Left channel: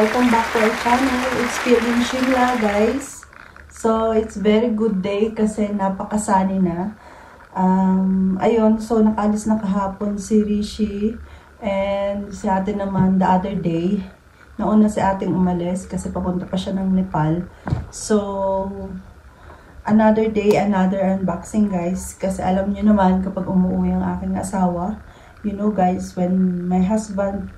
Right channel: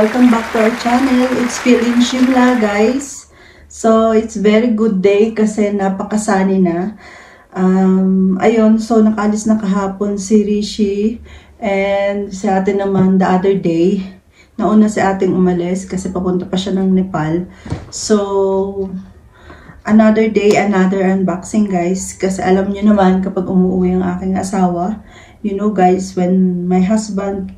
welcome back to our channel. It's feeling Shimla, guys. So, it's very good day kasi napakasani na. Ayun, so nakalis na kahapon si Rishi and si ate naman the other day. Nauna si ating umalis kasi papunta pa siya ng Nepal. So, another day, another unboxing, guys. Kasi alam niyo naman kapag umuwi ang aking asawa, you know guys, when my husband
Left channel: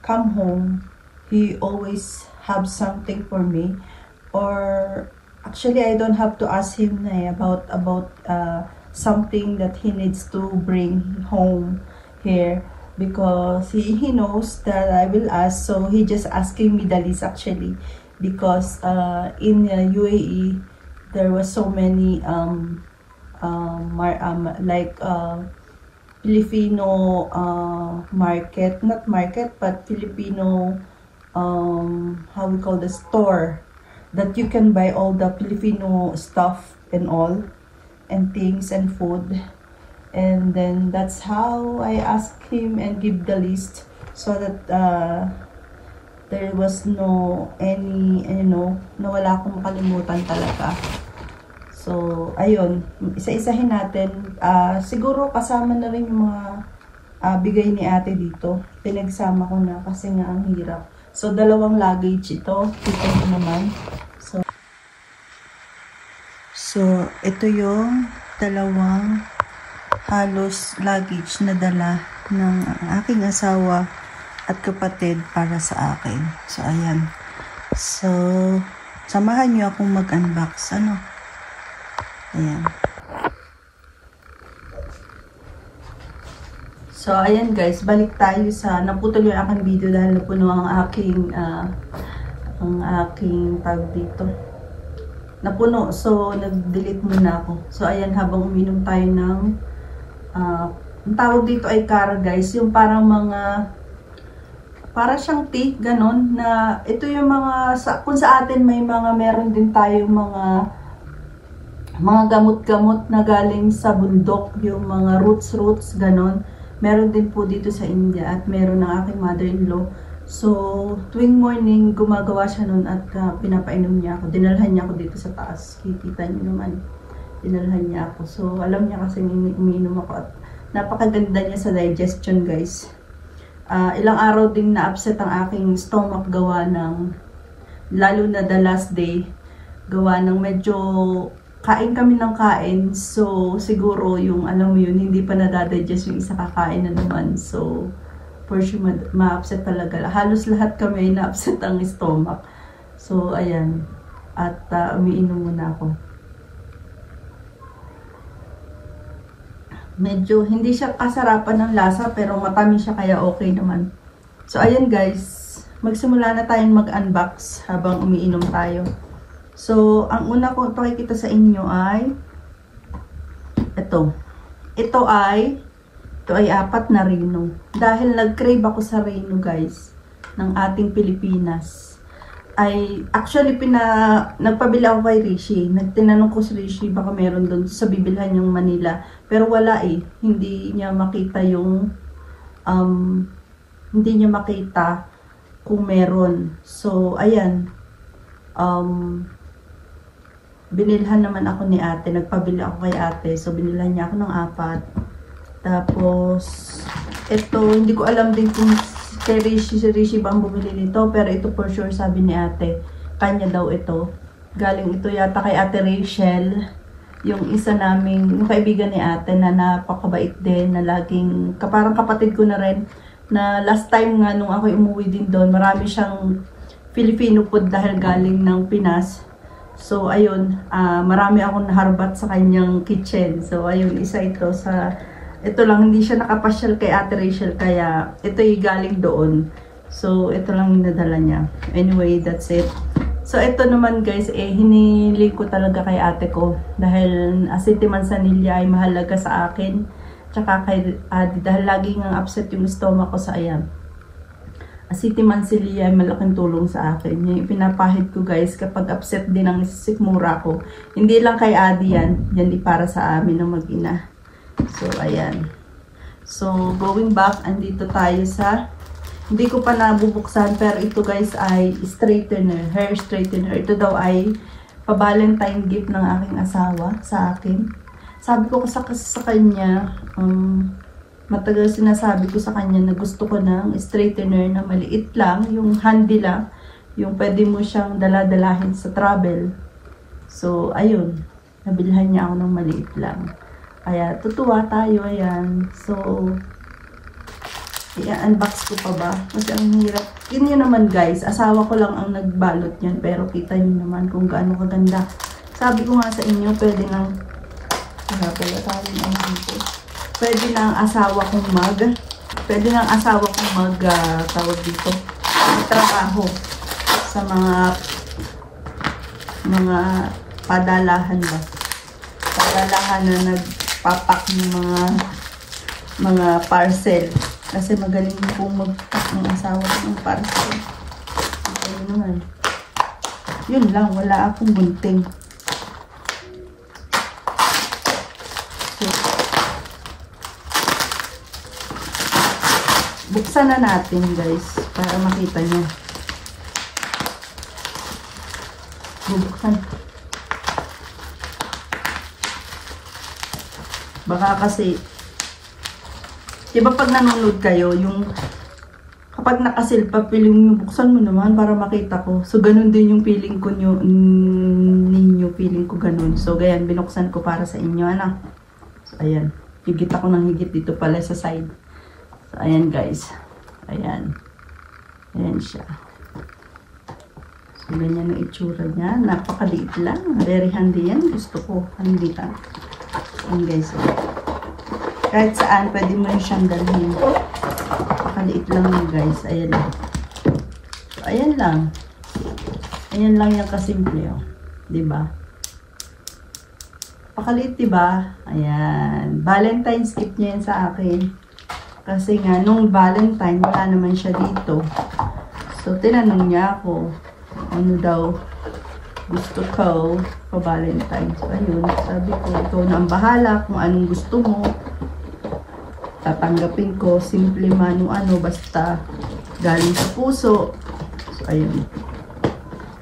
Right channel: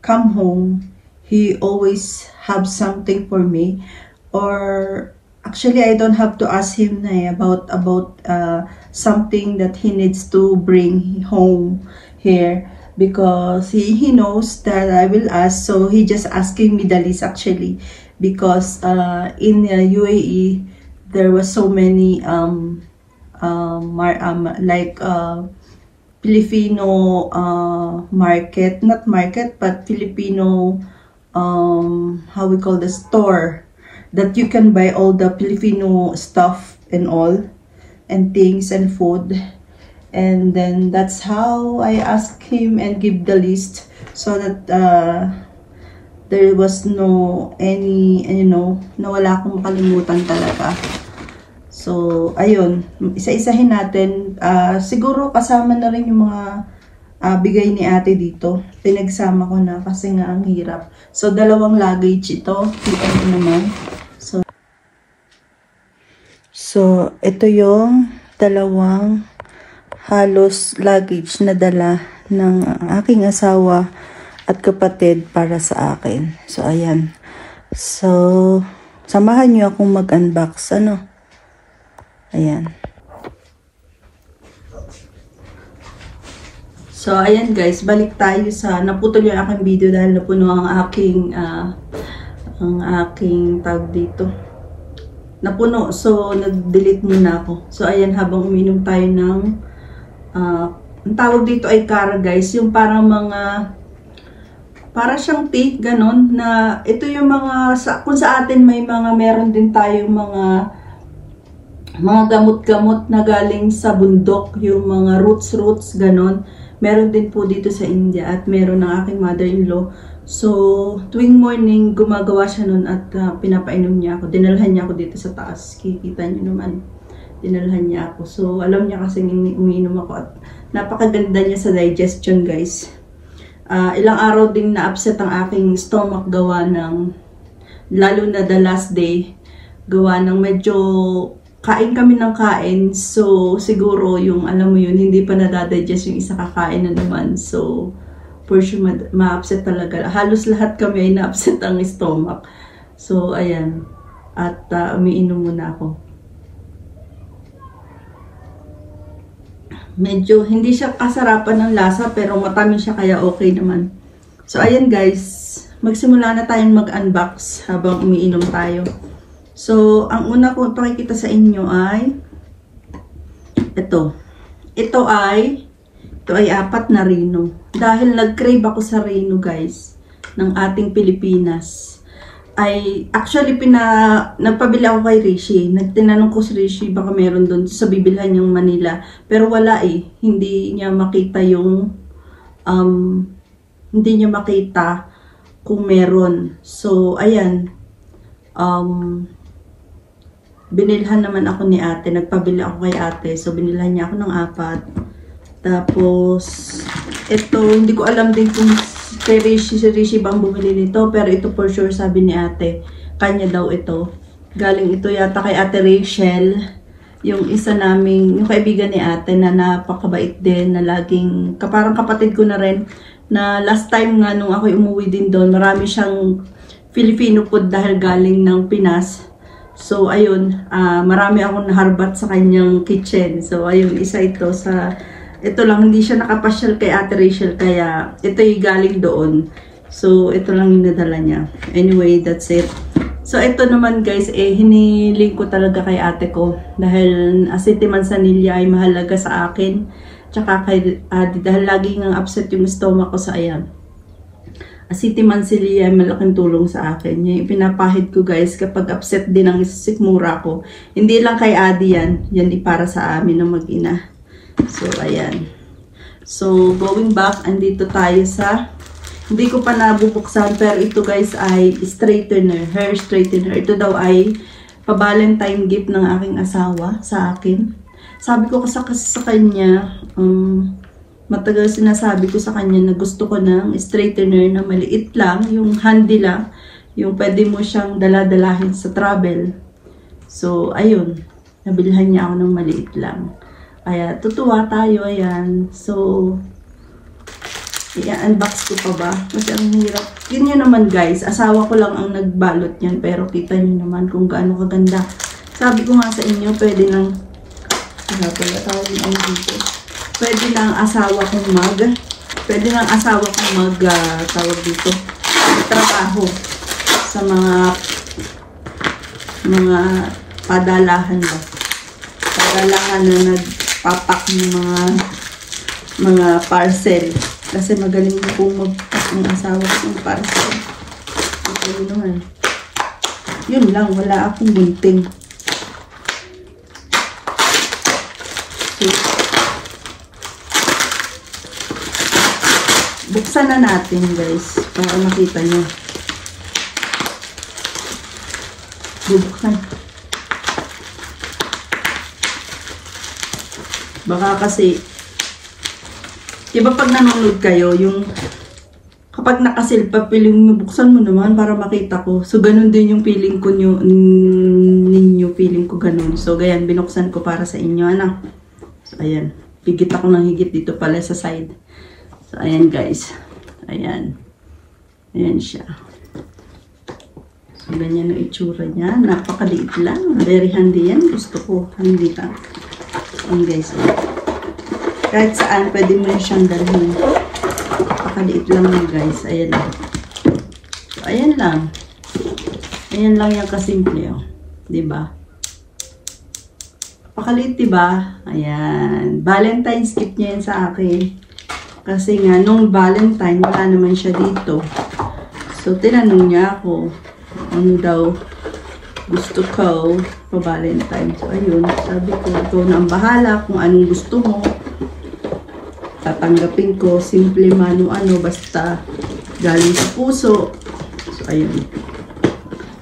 come home, he always have something for me, or actually I don't have to ask him na about something that he needs to bring home here, because he knows that I will ask, so he just asking me the list actually, because in UAE there was so many Filipino market, not market, but Filipino, how we call the store, that you can buy all the Filipino stuff and all, and things and food. And then that's how I ask him and give the list, so that there was no any, you know, nawala akong makalimutan talaga. So, ayun, isa-isahin natin. Siguro kasama na rin yung mga bigay ni ate dito. Pinagsama ko na kasi nga ang hirap. So, dalawang luggage ito. Dito naman. So, ito yung dalawang halos luggage na dala ng aking asawa at kapatid para sa akin. So, ayan. So, samahan nyo akong mag-unbox. Ano? Ayan. So, ayan guys, balik tayo sa, naputol yung aking video dahil napuno ang aking tag dito. Napuno, so nag-delete muna ako. So, ayan, habang uminom tayo ng, ang tawag dito ay kara guys, yung parang mga, para siyang tea, ganon, na ito yung mga, kung sa atin may mga, meron din tayong mga gamot-gamot na galing sa bundok, yung mga roots, ganon. Meron din po dito sa India at meron ng aking mother-in-law. So, tuwing morning, gumagawa siya nun at pinapainom niya ako. Dinalhan niya ako dito sa taas. Kikita niyo naman. Dinalhan niya ako. So, alam niya kasi umiinom ako at napakaganda niya sa digestion, guys. Ilang araw ding na-upset ang aking stomach gawa ng, lalo na the last day, gawa ng medyo kain kami ng kain, so siguro yung alam mo yun, hindi pa nadadigest yung isa kakain na naman, so for sure ma-upset talaga. Halos lahat kami ay na-upset ang stomach. So ayan, at umiinom muna ako. Medyo hindi siya kasarapan ng lasa pero matamis siya kaya okay naman. So ayan guys, magsimula na tayong mag-unbox habang umiinom tayo. So, ang una ko pakikita sa inyo ay ito. Ito ay 4 na Reno. Dahil nag-crave ako sa Reno, guys, ng ating Pilipinas. Ay, actually, nagpabili ako kay Rishi. Tinanong ko si Rishi, baka meron doon sa bibilhan niyang Manila. Pero wala eh. Hindi niya makita yung, hindi niya makita kung meron. So, ayan. Binilhan naman ako ni ate, nagpabili ako kay ate, so binilhan niya ako ng 4. Tapos, ito, hindi ko alam din kung kay Rishi bang bumili nito, pero ito for sure sabi ni ate, kanya daw ito. Galing ito yata kay ate Rachel, yung isa naming, yung kaibigan ni ate na napakabait din, na laging, parang kapatid ko na rin, na last time nga nung ako umuwi din doon, marami siyang Filipino food dahil galing ng Pinas. So, ayun, marami akong naharbat sa kanyang kitchen. So, ayun, isa ito sa, ito lang, hindi siya nakapasyal kay ate Rachel, kaya ito yung galing doon. So, ito lang yung nadala niya. Anyway, that's it. So, ito naman guys, hiniling ko talaga kay ate ko. Dahil asiti manzanilla ay mahalaga sa akin. Tsaka kay ate, dahil laging ang upset yung stomach ko sa ayan. Asiti manzanilla ay malaking tulong sa akin. Yung pinapahid ko guys kapag upset din ang sikmura ko. Hindi lang kay Adi yan. Yan di para sa amin ng mag-ina. So, ayan. So, going back, andito tayo sa Hindi ko pa nabubuksan, pero ito guys ay straightener, hair straightener. Ito daw ay pa-Valentine gift ng aking asawa sa akin. Sabi ko kasi sa kanya, matagal sinasabi ko sa kanya na gusto ko ng straightener na maliit lang, yung handy lang, yung pwede mo siyang daladalahin sa travel. So, ayun, nabilhan niya ako ng maliit lang. Kaya, tutuwa tayo, ayan. So, i-unbox ko pa ba? Kasi ang hirap. Yun yun naman guys, asawa ko lang ang nagbalot niyan, pero kita niyo naman kung gaano kaganda. Sabi ko nga sa inyo, pwede nang pwede nang asawa kong tawag dito, trabaho sa mga padalahan ba? Padalahan na nagpapak ng mga parcel. Kasi magaling na pong mag-pack ang asawa ko ng parcel. Okay naman. Yun lang, wala akong gunting. So, buksan na natin guys, para makita nyo. Bubuksan. Baka kasi diba pag nanonood kayo, yung kapag nakasil pa, feeling mo, buksan mo naman para makita ko. So, ganun din yung feeling ko ninyo, feeling ko ganun. So, ganyan, binuksan ko para sa inyo, ano. So, ayan. Higit ako ng higit dito pala sa side. So, ayan guys. Ayan. Ayan siya. So, ganyan ang itsura niya. Napakaliit lang. Very handy yan. Gusto ko. Handy lang. Ayan guys. Kahit saan, pwede mo rin siyang dalhin. Pakaliit lang yun guys. Ayan lang. So, ayan lang. Ayan lang yung kasimple. Oh. Diba? Pakaliit, diba? Ayan. Valentine's gift niya yan sa akin. Kasi nga, nung Valentine, wala naman siya dito. So, tinanong niya ako, ano daw gusto ko pa-Valentine. So, ayun. Sabi ko, ito na ang bahala kung anong gusto mo. Tatanggapin ko, simple man o ano, basta galing sa puso. So, ayun.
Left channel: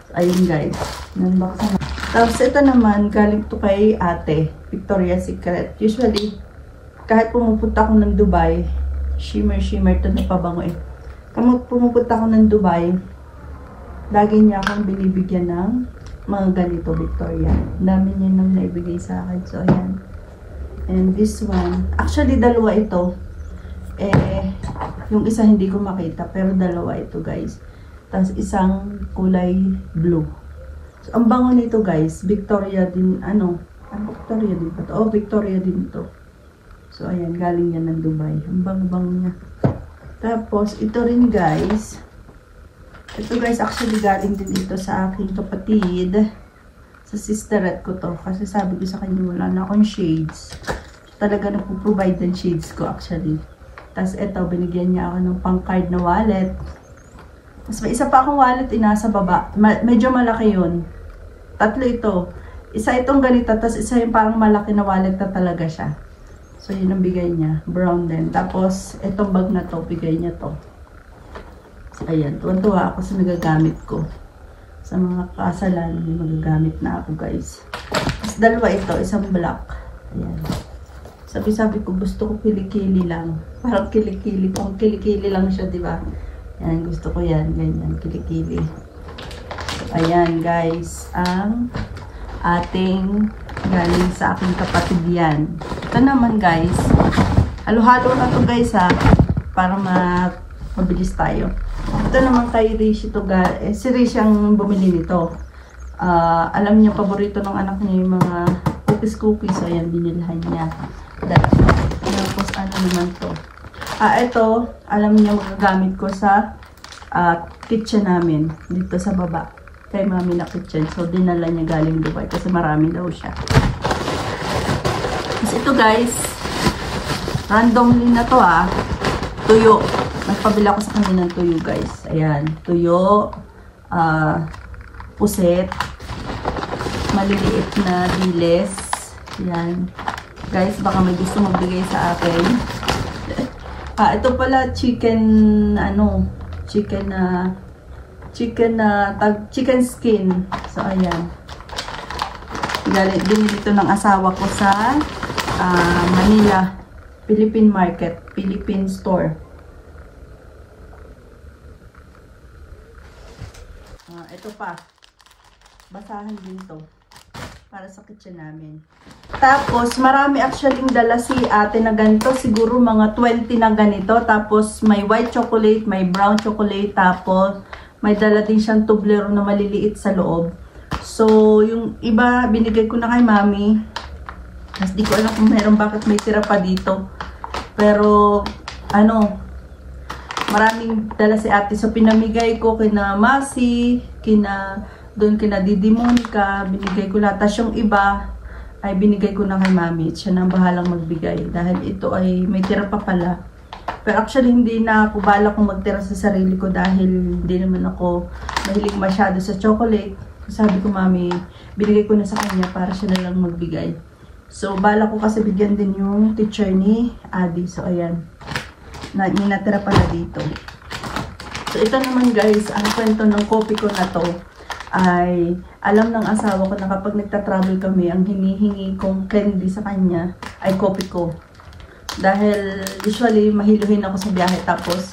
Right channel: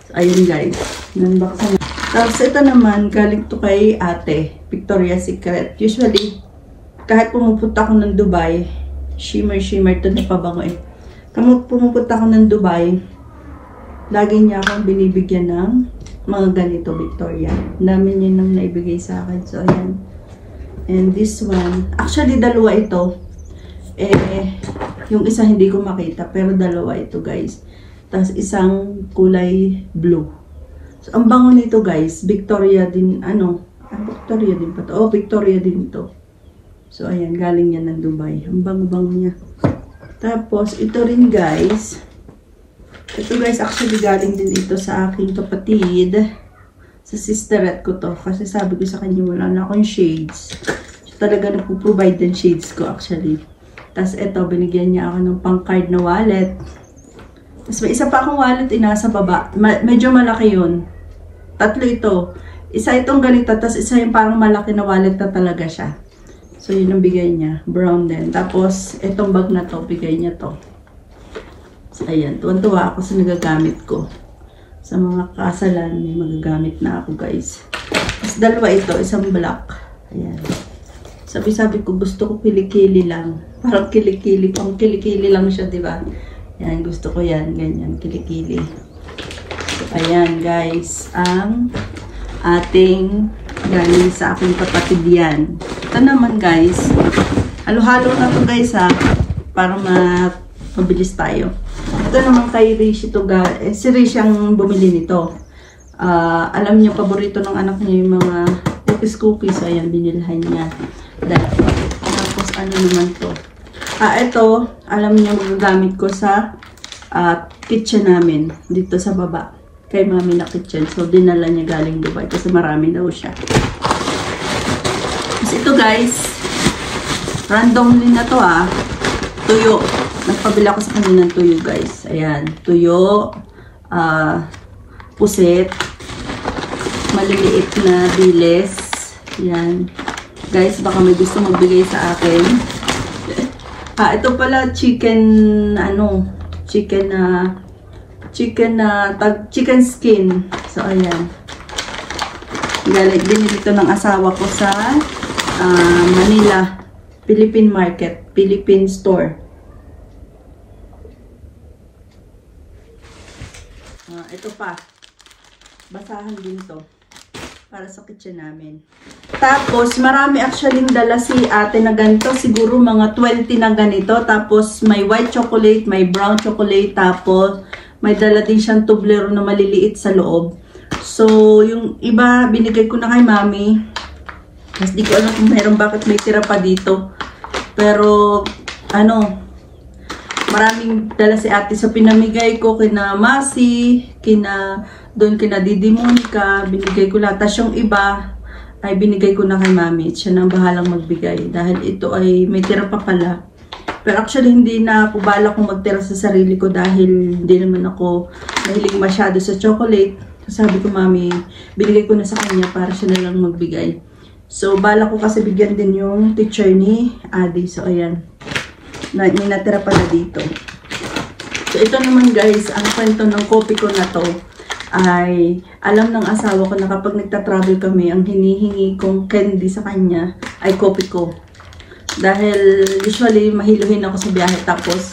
So, ayun guys. Nanbaksan na. Tapos, ito naman, galing to kay ate, Victoria's Secret. Usually, kahit pumupunta ako ng Dubai, shimmer to na pabango eh. Kamot pumupunta ako ng Dubai, lagi niya akong binibigyan ng mga ganito, Victoria. Namin yun ang naibigay sa akin. So, ayan. And this one, actually dalawa ito. Yung isa hindi ko makita, pero dalawa ito guys. Tapos isang kulay blue. So, ang bango nito guys, Victoria din, Victoria din pa to. Oh, Victoria din ito. So, ayan, galing yan ng Dubai. Ang bango-bango niya. Tapos, ito rin guys. Ito guys, actually galing din ito sa aking kapatid. Sa sisterette ko to. Kasi sabi ko sa kanya, wala na akong shades. So, talaga nagpo-provide ng shades ko actually. Tapos ito, binigyan niya ako ng pang-card na wallet. Tapos may isa pa akong wallet, nasa baba. Medyo malaki yun. Tatlo ito. Isa itong ganito, tapos isa yung parang malaki na wallet na talaga siya. So, yun ang bigay niya. Brown din. Tapos, itong bag na to, bigay niya to. So, ayan. Tuwan-tuwa ako sa nagagamit ko. Sa mga kasalan, may magagamit na ako, guys. Tapos, dalawa ito. Isang black. Ayan. Sabi-sabi ko, gusto ko kilikili lang. Parang kilikili. Pang kilikili lang siya, diba? Ayan, gusto ko yan. Ganyan, kilikili. So, ayan, guys. Ang ating galing sa aking kapatid yan. Ito naman, guys. Halo-halo na to guys, ha. Para mabilis tayo. Ito naman kay Rishi to si Rishi ang bumili nito. Alam niyo, paborito ng anak niya yung mga cookies. Ayan, binilhan niya. Tapos, ano naman to? Ito, alam niyo, magagamit ko sa kitchen namin. Dito sa baba. Kay mami na kitchen. So, dinala niya galing Dubai. Kasi marami daw siya. Tapos ito guys. Randomly na to tuyo. Nagpabila ko sa kanila ng tuyo guys. Ayan. Tuyo. Pusit. Maliliit na diles. Ayan. Guys, baka may gusto magbigay sa akin. Ito pala chicken, chicken skin. So, ayan. Binili ito ng asawa ko sa Manila, Philippine Market, Philippine Store. Ito pa. Basahan din to para sa kitchen namin. Tapos, marami actually dala si ate na ganito. Siguro mga 20 na ganito. Tapos, may white chocolate, may brown chocolate. Tapos, may dala din siyang tublero na maliliit sa loob. So, yung iba, binigay ko na kay mami. Mas di ko alam kung meron bakit may tira pa dito. Pero, maraming dala si ate. So, pinamigay ko kina Masi, kina Didi Monica, binigay ko lahat. Tapos yung iba, ay binigay ko na kay mami. Siya nang bahalang magbigay. Dahil ito ay may tira pa pala. Pero actually, hindi na ako balak kung magtira sa sarili ko dahil hindi naman ako mahilig masyado sa chocolate. So, sabi ko, mami, binigay ko na sa kanya para siya na lang magbigay. So, balak ko kasi bigyan din yung teacher ni Adi. So, ayan. May natira pala dito. So, ito naman guys, ang kwento ng kopi ko na to ay alam ng asawa ko na kapag nagta-travel kami, ang hinihingi kong candy sa kanya ay kopi ko. Dahil usually mahiluhin ako sa biyahe tapos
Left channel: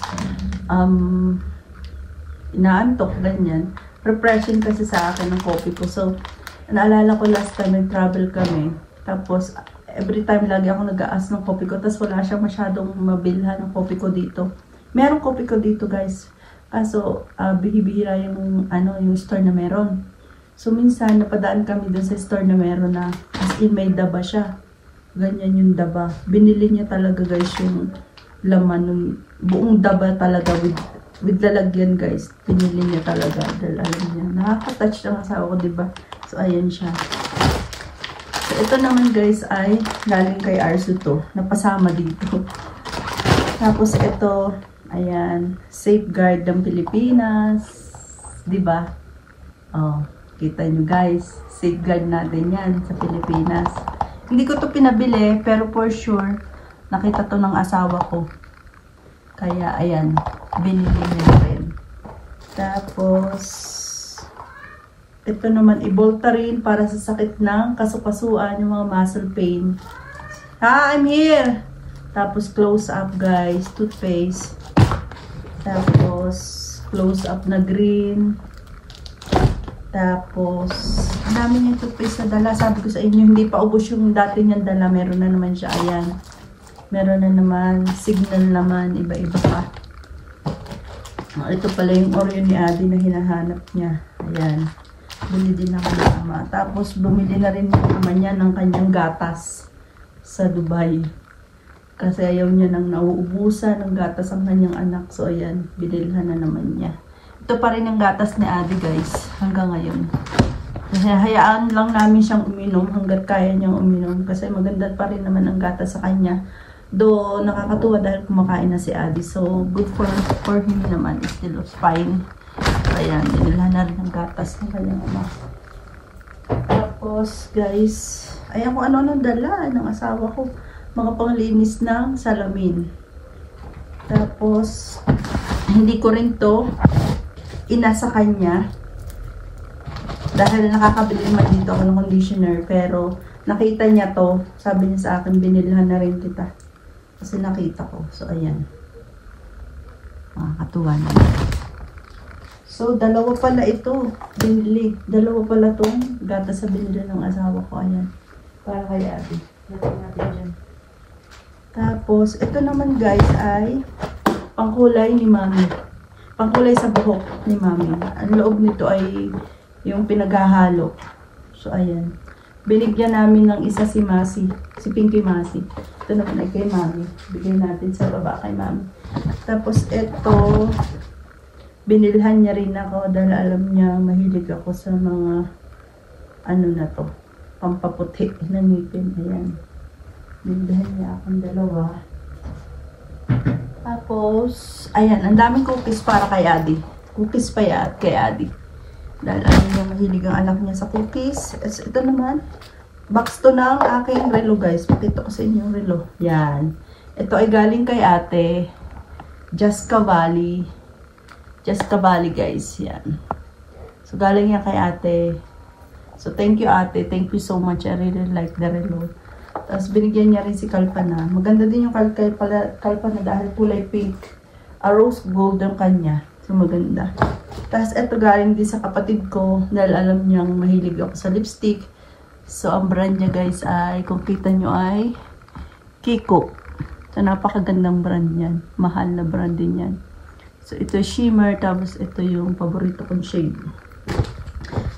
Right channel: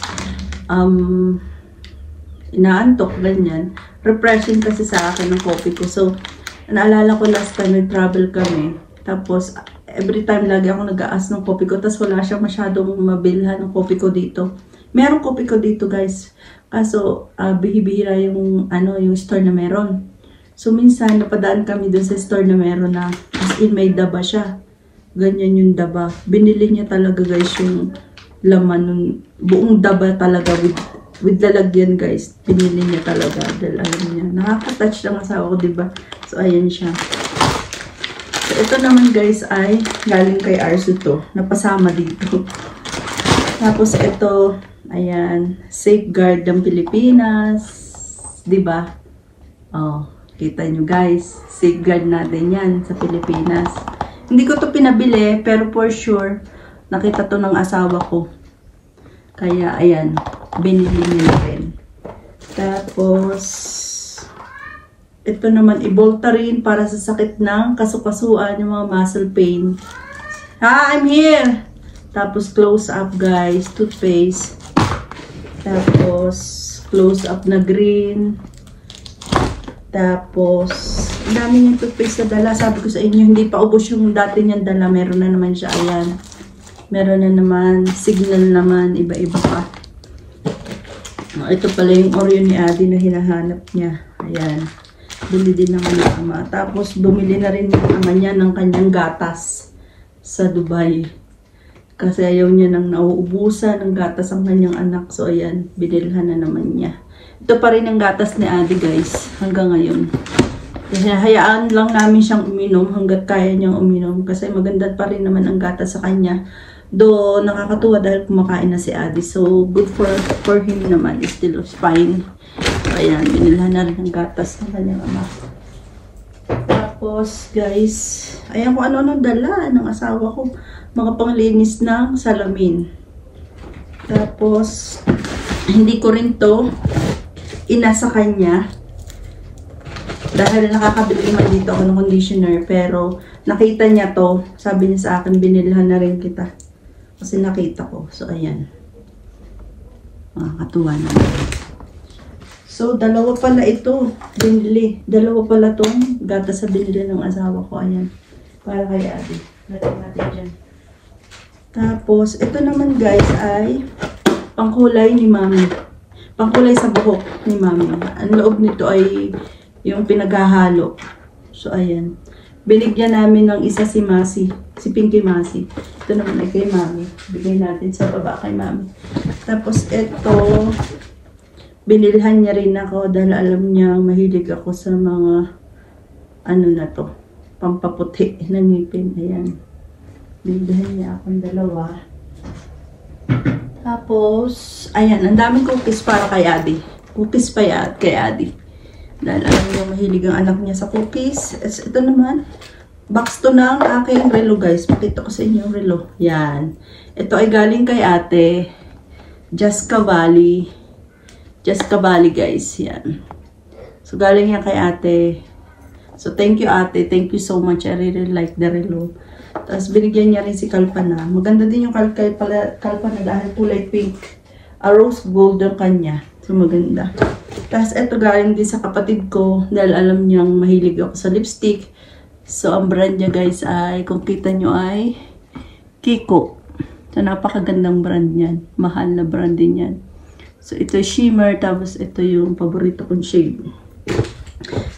inaantok, ganyan. Refreshing kasi sa akin ng kopi ko. So, naalala ko last time nag-travel kami. Tapos, every time lagi ako nag-aas ng kopi ko. Tapos wala siya masyadong mabilhan ng kopi ko dito. Meron kopi ko dito guys. Kaso, bihibihira yung, yung store na meron. So, minsan, napadaan kami dun sa store na meron na as in may daba siya. Ganyan yung daba. Binili niya talaga guys yung laman. Buong daba talaga with lalagyan guys. Binili niya talaga. Dahil alam niya, nakaka-touch lang asawa ko, diba? So, ayan siya. So, ito naman guys ay galing kay Arsu to. Napasama dito. Tapos, ito, ayan, Safeguard ng Pilipinas, diba? Oh, kita nyo guys, safeguard natin yan sa Pilipinas. Hindi ko to pinabili, pero for sure, nakita to ng asawa ko. Kaya, ayan, binili niya rin. Tapos, ito naman, Ivoltarine para sa sakit ng kasukasuan, yung mga muscle pain. Ha, I'm here! Tapos, close up guys, toothpaste. Tapos, close up na green. Tapos, ang dami yung toothpaste na dala. Sabi ko sa inyo, hindi pa ubos yung dati niyang dala. Meron na naman siya. Ayan. Meron na naman. Signal naman. Iba-iba pa. Ito pala yung Oreo ni Adi na hinahanap niya. Ayan. Bili din naman ng ama. Tapos, bumili na rin yung ama niya ng kanyang gatas sa Dubai. Kasi ayaw niya nang nauubusan ng gatas ang kanyang anak. So, ayan, binilhan na naman niya. Ito pa rin ang gatas ni Adi, guys, hanggang ngayon. Kasi hayaan lang namin siyang uminom hanggat kaya niyang uminom. Kasi maganda pa rin naman ang gatas sa kanya. Do nakakatuwa dahil kumakain na si Adi. So, good for him naman. It's still fine. Ayan, binilhan na rin ang gatas ng kanyang anak. Tapos, guys, ayan kung ano dala ng asawa ko. Mga panglinis ng salamin. Tapos, hindi ko rin to inasa kanya. Dahil nakakabili man dito ako ng conditioner. Pero, nakita niya to. Sabi niya sa akin, binilhan na rin kita. Kasi nakita ko. So, ayan. Makakatuwa naman. So, dalawa pala ito. Binili. Dalawa pala itong gatas sa binili ng asawa ko. Ayan. Para kay Ate. Natin dyan. Tapos, ito naman guys ay pangkulay ni Mami. Pangkulay sa buhok ni Mami. Ang loob nito ay yung pinaghahalo. So, ayan. Binigyan namin ng isa si Masi. Si Pinky Masi. Ito naman ay kay Mami. Bigay natin sa baba kay Mami. Tapos, ito, binilhan niya rin ako dahil alam niya mahilig ako sa mga na to. Pampaputi ng ngipin. Ayan. Binilhan niya akong dalawa. Tapos, ayan, ang daming cookies para kay Adi. Cookies pa yan kay Adi. Dahil alam niya mahilig ang anak niya sa cookies. Ito naman, box to ng aking relo guys. Pakita ko sa inyo yung relo. Yan. Ito ay galing kay Ate Just Cavalli. Just Kabali guys. Yan. So galing yan kay ate. So thank you ate. Thank you so much. I really like the relo. Tapos binigyan niya rin si Kalpana. Maganda din yung Kalpana dahil kulay pink. A rose gold ang kanya. So maganda. Tapos ito galing din sa kapatid ko dahil alam niyang mahilig ako sa lipstick. So ang brand niya guys ay, kung kita nyo ay Kiko. So napakagandang brand niyan. Mahal na brand din yan. So ito shimmer. Tapos ito yung paborito kong shade.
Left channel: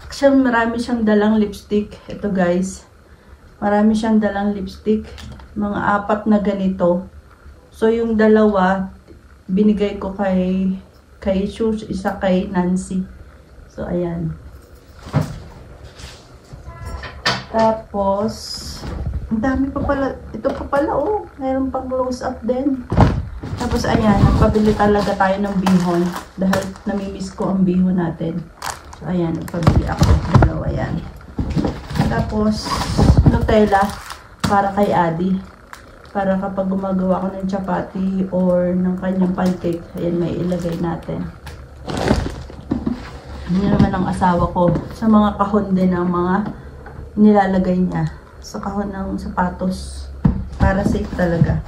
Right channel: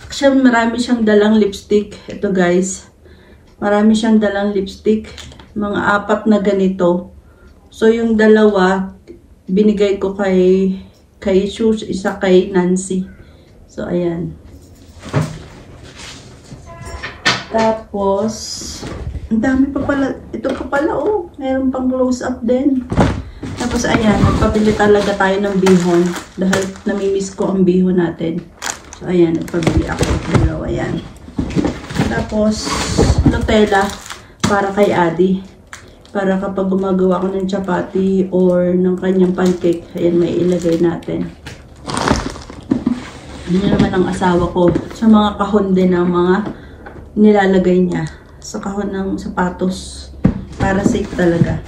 Actually marami siyang dalang lipstick. Ito guys. Marami siyang dalang lipstick. Mga 4 na ganito. So yung dalawa binigay ko kay Shush, isa kay Nancy. So, ayan. Tapos, ang dami pa pala. Ito pa pala, oh. Mayroon pang close-up din. Tapos, ayan. Nagpabili talaga tayo ng bihon. Dahil namimiss ko ang bihon natin. So, ayan. Nagpabili ako. Dalawa, ayan. Tapos, Nutella para kay Adi. Para kapag gumagawa ko ng chapati or ng kanyang pancake, ayan, may ilagay natin. Yan naman ang asawa ko. Sa mga kahon din ng mga nilalagay niya. Sa kahon ng sapatos. Para safe talaga.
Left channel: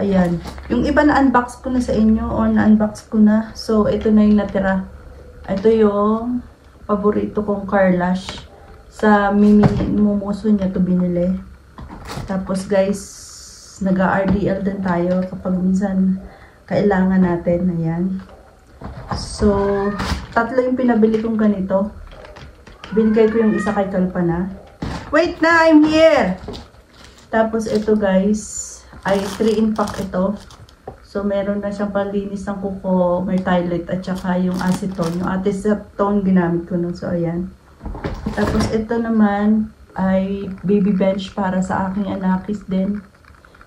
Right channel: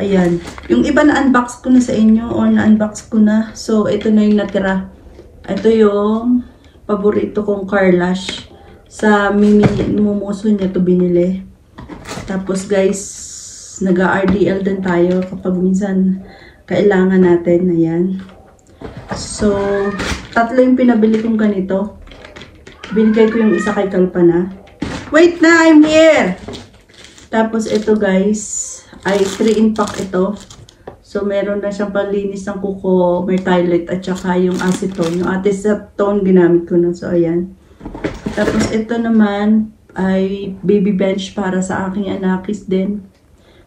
Ayan. Yung iba na unbox ko na sa inyo or na-unbox ko na. So, ito na yung natira. Ito yung paborito kong Carlash. Sa mumuso niya to binili. Tapos guys, nag-RDL din tayo kapag minsan kailangan natin. Ayan. So, 3 yung pinabili kong ganito. Binigay ko yung isa kay Kalpana. Wait na! I'm here! Tapos ito guys, ay 3-in-pack ito. So, meron na siyang panlinis ng kuko, may toilet, at saka yung acetone. Yung acetone ginamit ko na. So, ayan. Tapos ito naman ay baby bench para sa aking anakis din.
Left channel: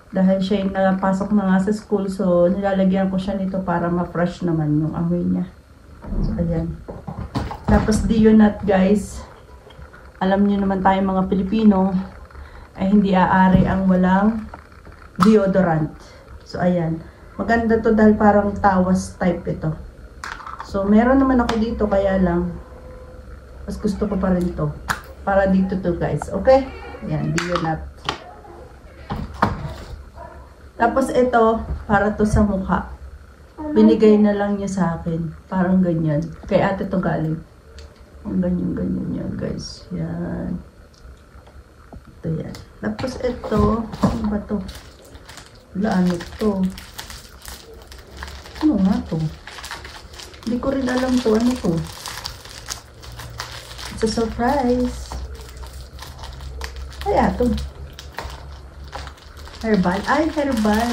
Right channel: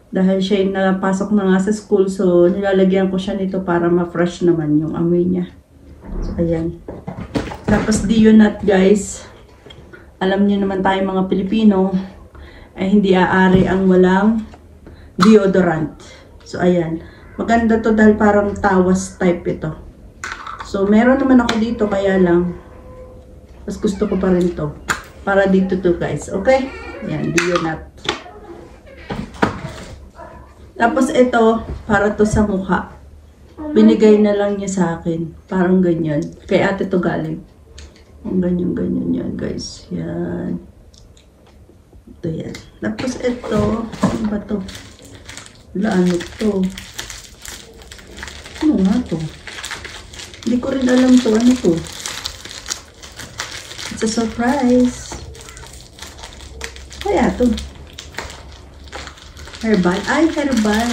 Dahil siya yung napasok na nga sa school, so nilalagyan ko siya nito para ma-fresh naman yung amoy niya. So, ayan. Tapos Dionat guys, alam niyo naman tayo mga Pilipino, ay hindi aari ang walang deodorant. So ayan. Maganda to dahil parang tawas type ito. So meron naman ako dito, kaya lang, mas gusto ko pa rin to. Para dito to guys, okay? Ayan, Dionat. Tapos ito, para to sa mukha. Binigay na lang niya sa akin. Parang ganyan. Kay ate to galing. Ang ganyan yan guys. Yan. Ito yan. Tapos ito, ano ba to? Wala, ano to? Ano nga to? Hindi ko rin alam to. Ano to? It's a surprise. Kaya to. Herbal. Ay, herbal.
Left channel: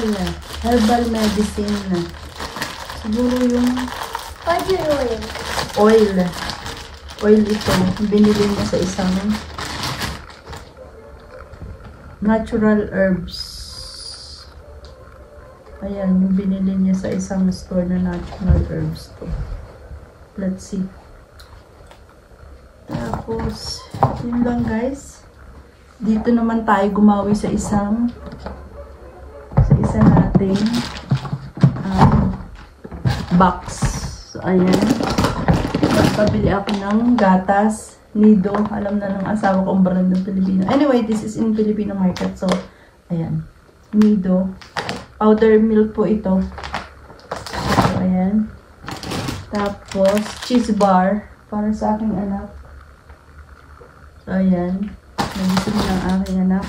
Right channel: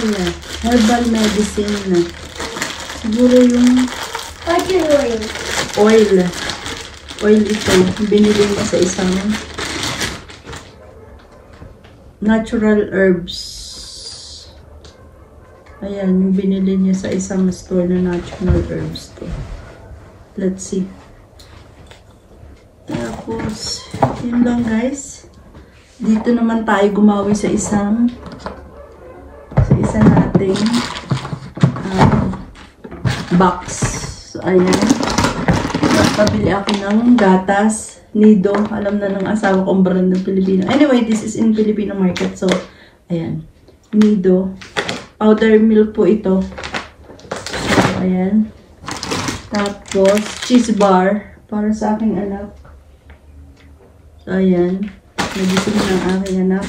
Herbal medicine. Siguro yung oil. Oil ito. Binili niya sa isang natural herbs. Ayan, yung binili niya sa isang store na natural herbs to. Let's see. Tapos, yun lang guys. Dito naman tayo gumawi sa isa nating box. So, ayan. Pabili ako ng gatas. Nido. Alam na ng asawa ko ang brand ng Pilipino. Anyway, this is in Filipino market. So, ayan. Nido. Powder milk po ito. So, ayan. Tapos, cheese bar. Para sa aking anak. So, ayan. Medicine ng aking anak.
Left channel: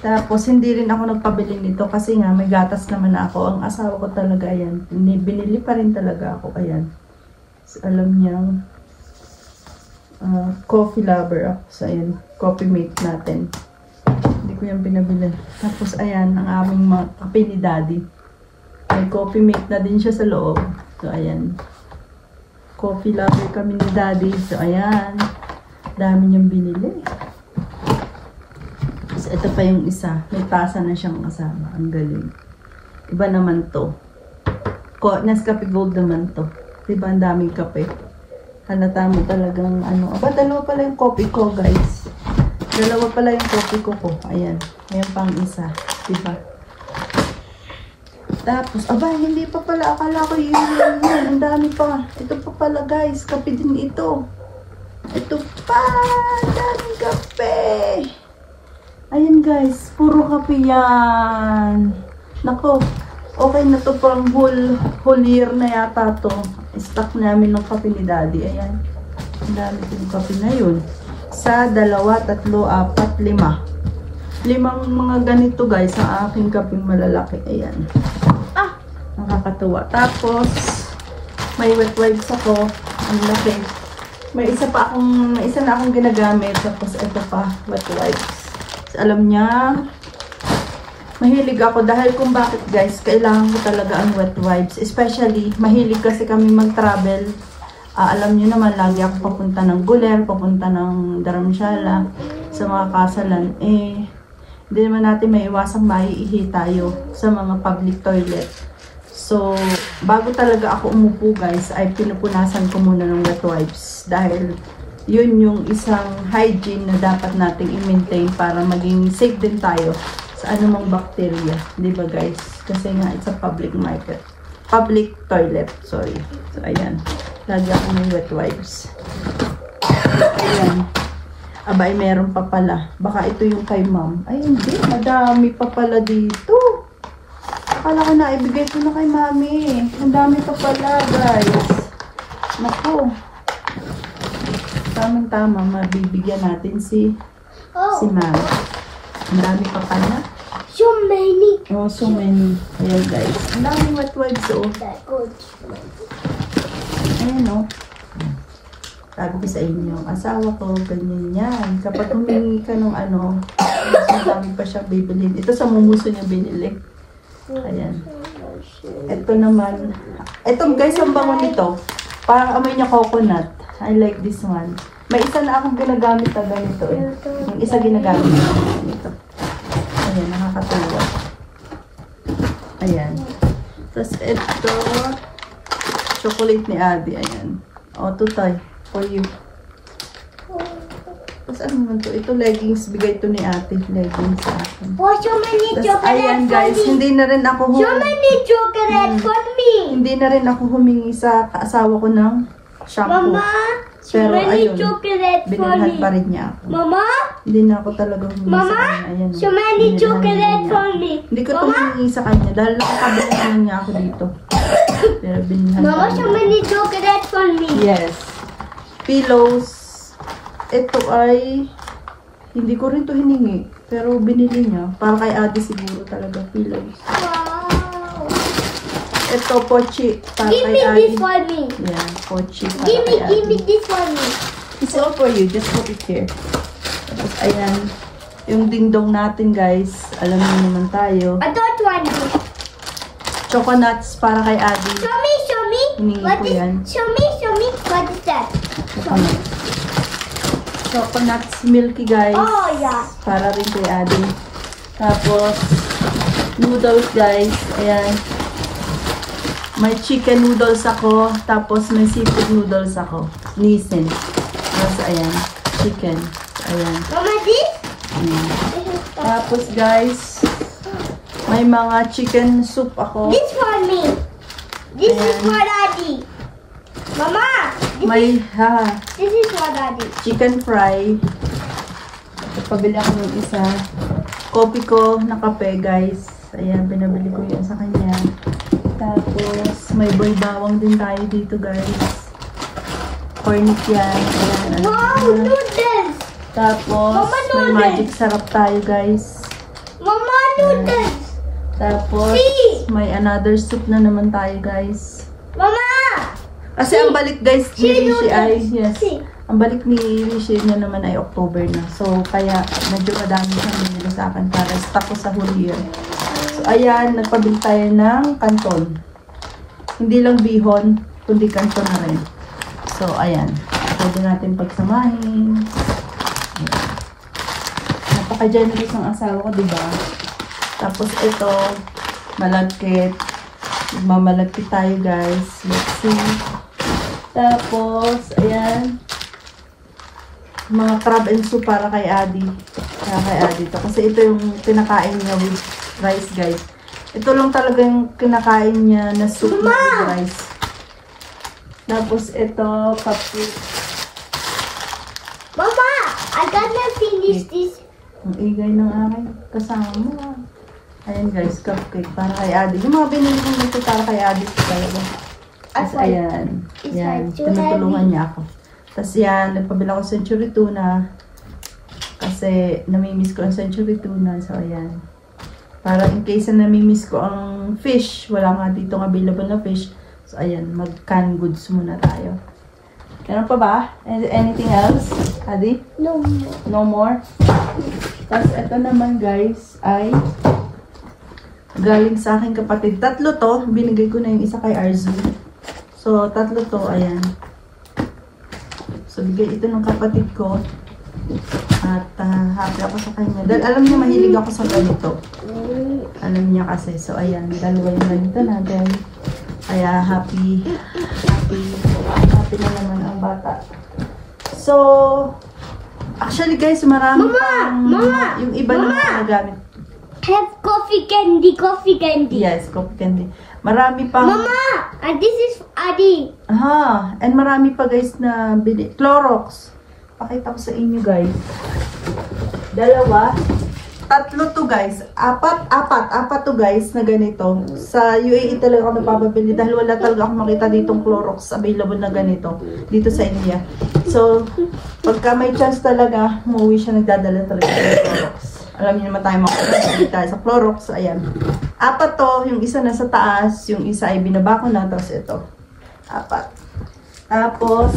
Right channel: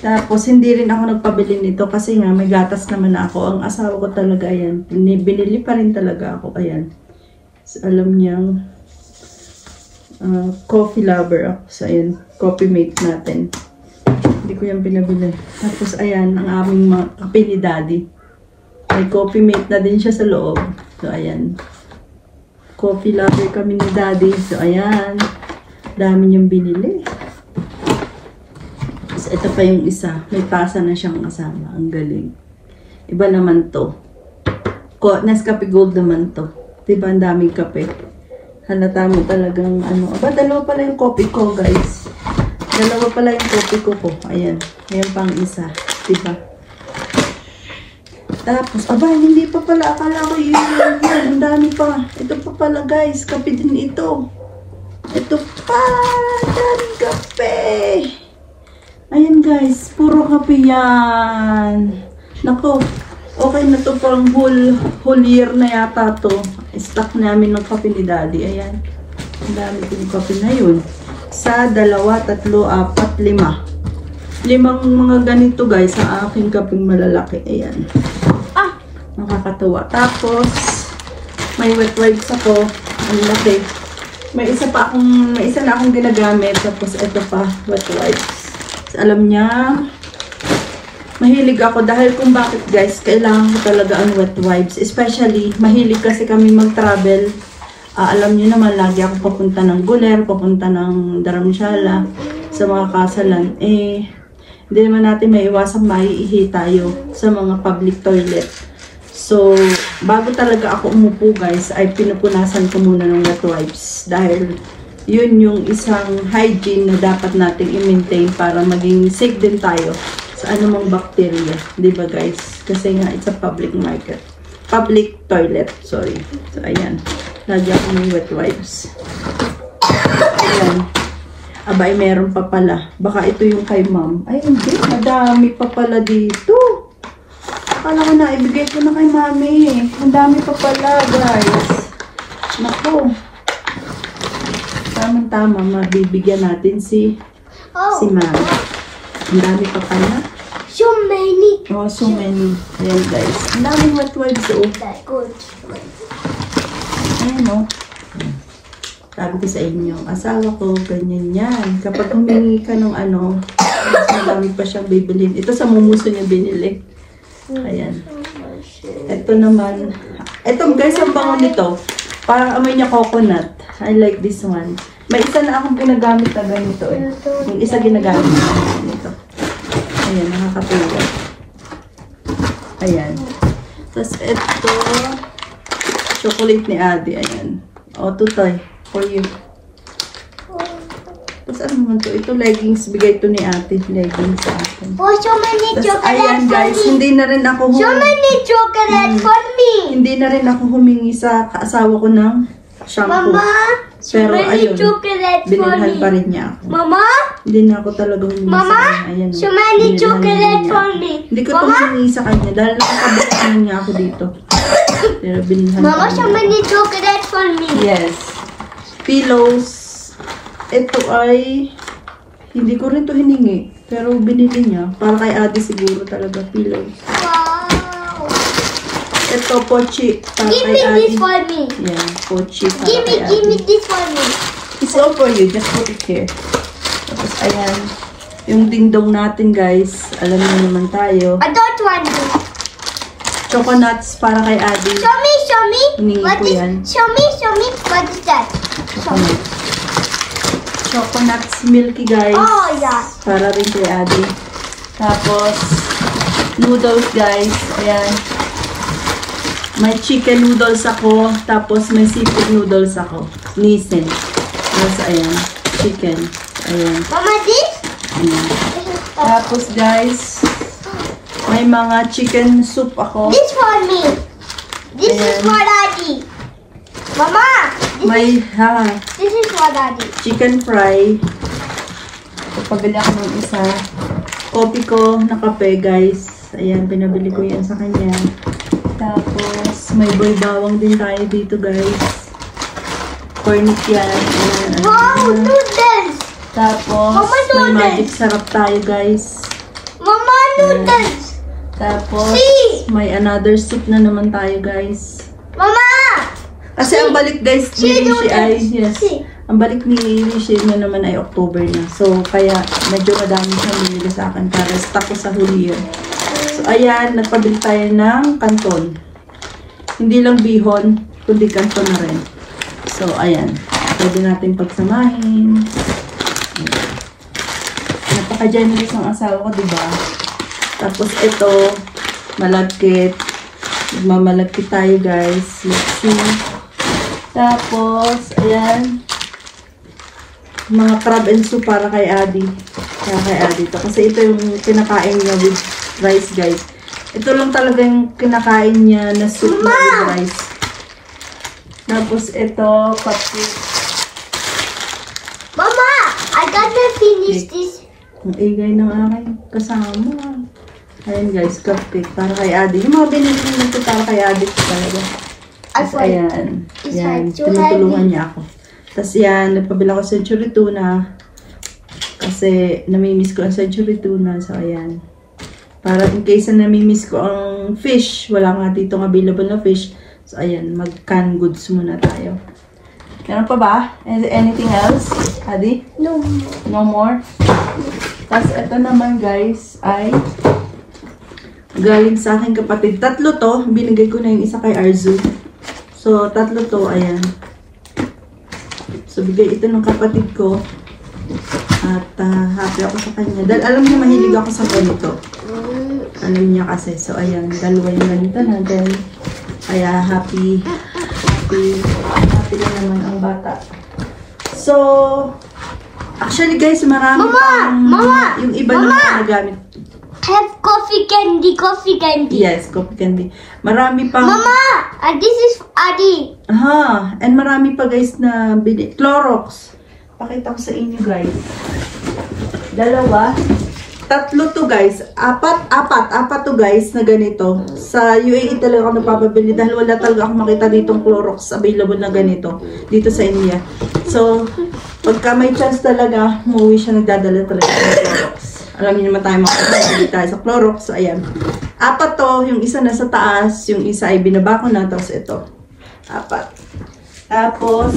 Tapos, hindi rin ako nagpabili nito kasi nga may gatas naman ako. Ang asawa ko talaga, ayan. Binili pa rin talaga ako, ayan. So, alam niyang coffee lover ako. So, ayan. Coffee mate natin. Hindi ko yan pinabili. Tapos, ayan, ang aming kape ni Daddy. May coffee mate na din siya sa loob. So, ayan. Coffee lover kami ni Daddy. So, ayan. Dami niyang binili. Ito pa yung isa. May tasa na siyang kasama. Ang galing. Iba naman to. Nescafe Gold naman to. Diba ang daming kape? Halata mo talagang ano. Aba, dalawa pala yung coffee ko guys. Dalawa pala yung coffee ko. Ayan. Ngayon pang isa. Diba? Tapos, aba, hindi pa pala. Akala ko yun. Ang dami pa. Ito pa pala, guys. Kape din ito. Ito pa. Yan, kape. Ayan, guys. Puro kape yan. Nako. Okay na to. Parang whole year na yata to. Stock namin ng kape ni Daddy. Ayan. Ang dami din kape na yun. Sa 2, 3, 4, 5. 5 mga ganito, guys. Sa aking kapeng malalaki. Ayan. Nakakatawa. Tapos, may wet wipes ako. Ang laki. May isa na akong ginagamit. Tapos, ito pa, wet wipes. So, alam niya, mahilig ako dahil kung bakit, guys, kailangan ko talaga ang wet wipes. Especially, mahilig kasi kami mag-travel. Alam niyo naman, lagi ako papunta ng Guler, papunta ng Dharamshala, sa mga kasalan. Hindi naman natin maiwasang maiihi tayo sa mga public toilet. So, bago talaga ako umupo, guys, ay pinupunasan ko muna ng wet wipes. Dahil yun yung isang hygiene na dapat nating i-maintain para maging safe din tayo sa anumang bacteria. Diba, guys? Kasi nga, it's a public market. Public toilet, sorry. So, ayan. Lagyan ko ng wet wipes. Ayan. Abay, meron pa pala. Baka ito yung kay ma'am. Ay, hindi. Madami pa pala dito. Akala ko na, ibigay ko na kay mami. Ang dami pa pala, guys. Naku. Tamang-tama, mabibigyan natin si mami. Ang dami pa pala. So many. Oh, so many. Ayan, guys. Ang daming wet wipes, oh. Ayan, oh. Sabi ko sa inyo, asawa ko, ganyan yan. Kapag humingi ka ng ano, mas madami pa siyang bibilhin. Ito sa mumuso niya binili. Ayan. Ito naman. Ito, guys, ang bango nito. Parang amoy niya coconut. I like this one. May isa na akong pinagamit na ganito eh. Yung isa ginagamit nito. Ayan, nakakatulong. Ayan. Tapos ito, chocolate ni Adi. Ayan. O, tutoy. For you. Tapos ano naman to? Ito leggings. Bigay ito ni Ate. Leggings sa akin. Oh, so many Tapos chocolate ayan, guys. for me. Hindi na rin ako So many chocolate for me. Hindi na rin ako humingi sa kaasawa ko ng shampoo. Mama, Pero so many ayun, chocolate for binilhan me. pa rin niya ako. Mama, Hindi na ako talaga humingi sa Mama, kanya. Ayan, so oh. many Binilhan chocolate niya for ako. me. Hindi ko ito Mama? humingi sa kanya dahil nakakabili naman niya ako dito. Pero binilhan Mama, pa so rin many ako. chocolate for me. Yes. Pillows. Ito ay hindi ko rin to hiningi. Pero binili niya. Para kay Adi siguro talaga pillows. Wow. Ito, pochi. Para Give kay me Adi. this for me. Yan, pochi para Give kay me Adi. this for me. It's all for you. Just put it here. Tapos, ayan. Yung dingdong natin, guys. Alam mo naman tayo. I don't want to. Coconuts para kay Adi. Show me, show me. Hiningi What ko is? yan. Show me, what is that? Show me. Coconuts milky, guys. Oh, yeah. Para rin kay Adi. Tapos, noodles, guys. Ayan. May chicken noodles ako. Tapos, may seafood noodles ako. Nissin. Tapos, ayan. Chicken. Ayan. Mama, this? Ayan. Tapos, guys, may mga chicken soup ako. This for me. This is Ayan. for Daddy. Mama, May, this is for Daddy. chicken fry. Ito, pabili ako ng isa. Coffee ko na kape, guys. Ayan, pinabili ko yan sa kanya. Tapos, may bawang din tayo dito, guys. Cornic yan. Ayan, Wow, ayan. noodles. Tapos, Mama, may noodles. magic sarap tayo, guys. Mama, noodles. Tapos, See? may another soup na naman tayo, guys. Mama. Kasi ang balik, guys, ni See, Rishi ay, noodles. yes, See. ang balik ni Rishi na naman ay October na. So, kaya medyo madami siyang binili sa akin para stock ko sa huli yun. So, ayan, nagpabili tayo ng kanton. Hindi lang bihon, kundi kanton na rin. So, ayan. Pwede natin pagsamahin. Ayan. Napaka-generous ng asawa ko, diba? Tapos, ito, malagkit. Magmamalagkit tayo, guys. Let's see. Tapos, ayan. Mga crab and soup para kay Adi. Para kay Adi to. Kasi ito yung kinakain niya with rice, guys. Ito lang talaga yung kinakain niya na soup na with rice. Tapos ito, cupcake. Mama, I gotta finish this. Ang igay ng aking kasama. Ayan guys, cupcake para kay Adi. Yung mga binili nito para kay Adi talaga. Tapos ayan. Yan, tinutulungan niya ako. Tapos yan, nagpabila ko century tuna. Kasi namimiss ko ang century tuna. So ayan. Para in case na namimiss ko ang fish, wala nga ditong available na fish. So ayan, mag-canned goods muna tayo. Meron pa ba? Anything else? Adi? No. No more? Tapos ito naman guys ay galing sa aking kapatid. Tatlo to. Binigay ko na yung isa kay Arzu. So tatlo to. Ayan. So bigay ito ng kapatid ko. At happy ako sa kanya. Dahil alam niya mahilig ako sa ganito. Alam niya kasi. So ayan. Dalawa yung ganito natin. Kaya happy na naman ang bata. So actually guys, marami pang yung iba na mga nagamit. Have coffee candy. Yes, coffee candy. Marami pang Mama, this is Adi. and marami pa guys na Clorox. Pakita ko sa inyo guys. Dalawa. Tatlo to guys. Apat to guys na ganito. Sa UAE talaga ako napapabili dahil wala talaga akong makita ditong Clorox available na ganito dito sa India. So, pagka may chance talaga, umuwi siya nagdadala talaga ng Clorox. Alam niyo naman tayo makakabili tayo sa Clorox. So, ayan. Apat to. Yung isa nasa taas. Yung isa ay binaba ko na. Tapos ito. Apat. Tapos,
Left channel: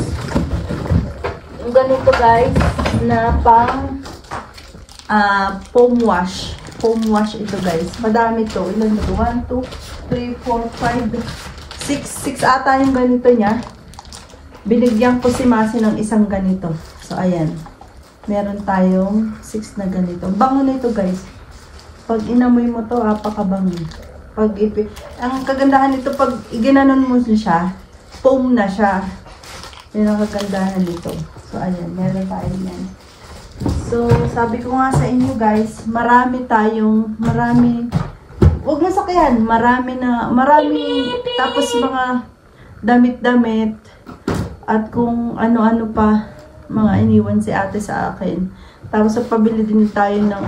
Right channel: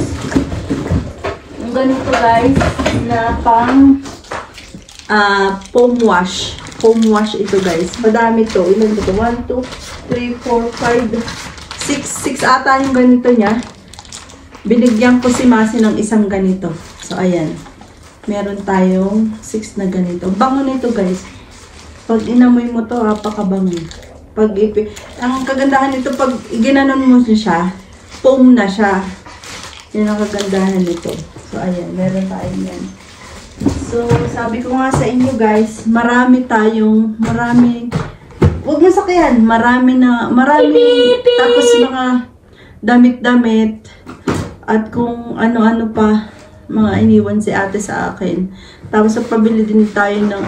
yung ganito guys, na pang foam wash. Foam wash ito guys. Madami to. Ilan dito? 1, 2, 3, 4, 5, 6 ata yung ganito niya. Binigyan ko si Masi ng isang ganito. So, ayan. Meron tayong 6 na ganito. Bango na ito guys. Pag inamoy mo to, apakabango. Ang kagandahan nito, pag iginanon mo siya, foam na siya. Yan ang kagandahan nito. So, ayan. Meron tayo yan. So, sabi ko nga sa inyo guys, marami, huwag mo sakyan, marami, tapos mga damit-damit, at kung ano-ano pa, mga iniwan si ate sa akin. Tapos, pabili din tayo ng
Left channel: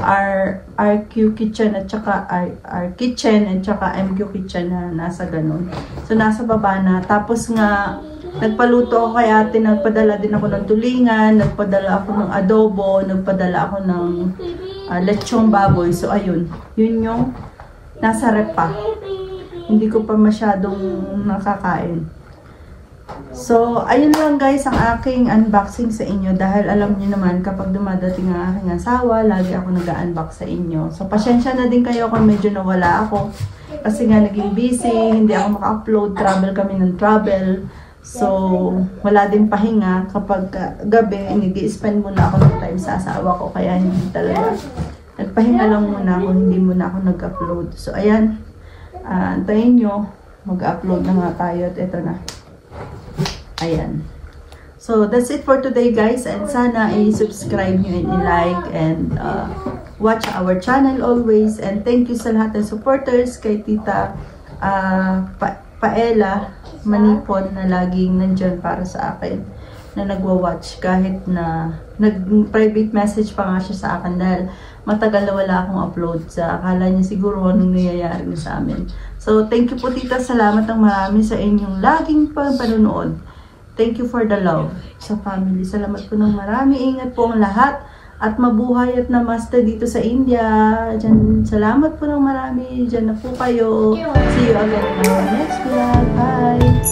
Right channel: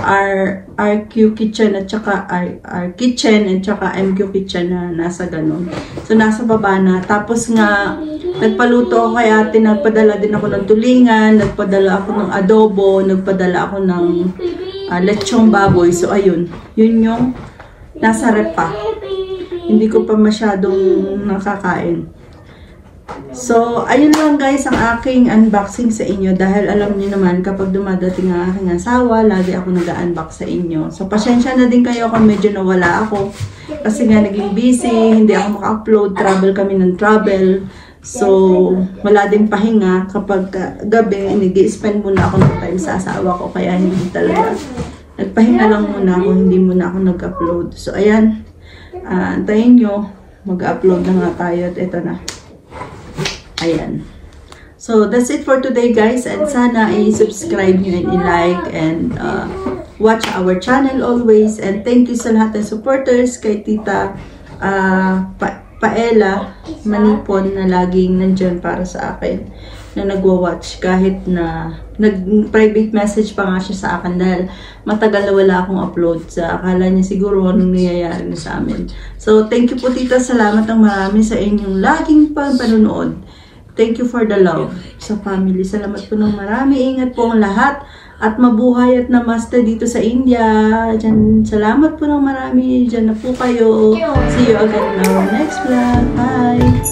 RQ Kitchen at saka R Kitchen at saka MQ Kitchen na nasa ganun. So, nasa baba na. Tapos nga, nagpaluto ako kay ate, nagpadala din ako ng tulingan, nagpadala ako ng adobo, nagpadala ako ng lechong baboy. So, ayun. Yun yung nasa rep pa. Hindi ko pa masyadong nakakain. So, ayun lang guys ang aking unboxing sa inyo dahil alam niyo naman kapag dumadating ang aking asawa, lagi ako nag-unbox sa inyo. So, pasensya na din kayo kung medyo nawala ako kasi nga naging busy, hindi ako maka-upload, travel kami ng travel. So, wala din pahinga kapag gabi, nag-i-spend muna ako ng time sa asawa ko kaya hindi talaga. Nagpahinga lang muna ako, hindi muna ako nag-upload. So, ayan, antayin nyo, mag-upload na nga tayo at ito na. Ayan. So, that's it for today guys. And sana i-subscribe nyo and i-like and watch our channel always. And thank you sa lahat ng supporters kay Tita Paella Manipon na laging nandyan para sa akin. Na nagwa-watch kahit na nag-private message pa nga siya sa akin dahil matagal na wala akong upload. Sa akala niya siguro anong nangyayari na sa amin. So, thank you po Tita. Salamat ng marami sa inyong laging panonood. Thank you for the love sa family. Salamat po ng marami. Ingat po ang lahat. At mabuhay at namaste dito sa India. Diyan, salamat po ng marami. Diyan na po kayo. See you again in our next vlog. Bye!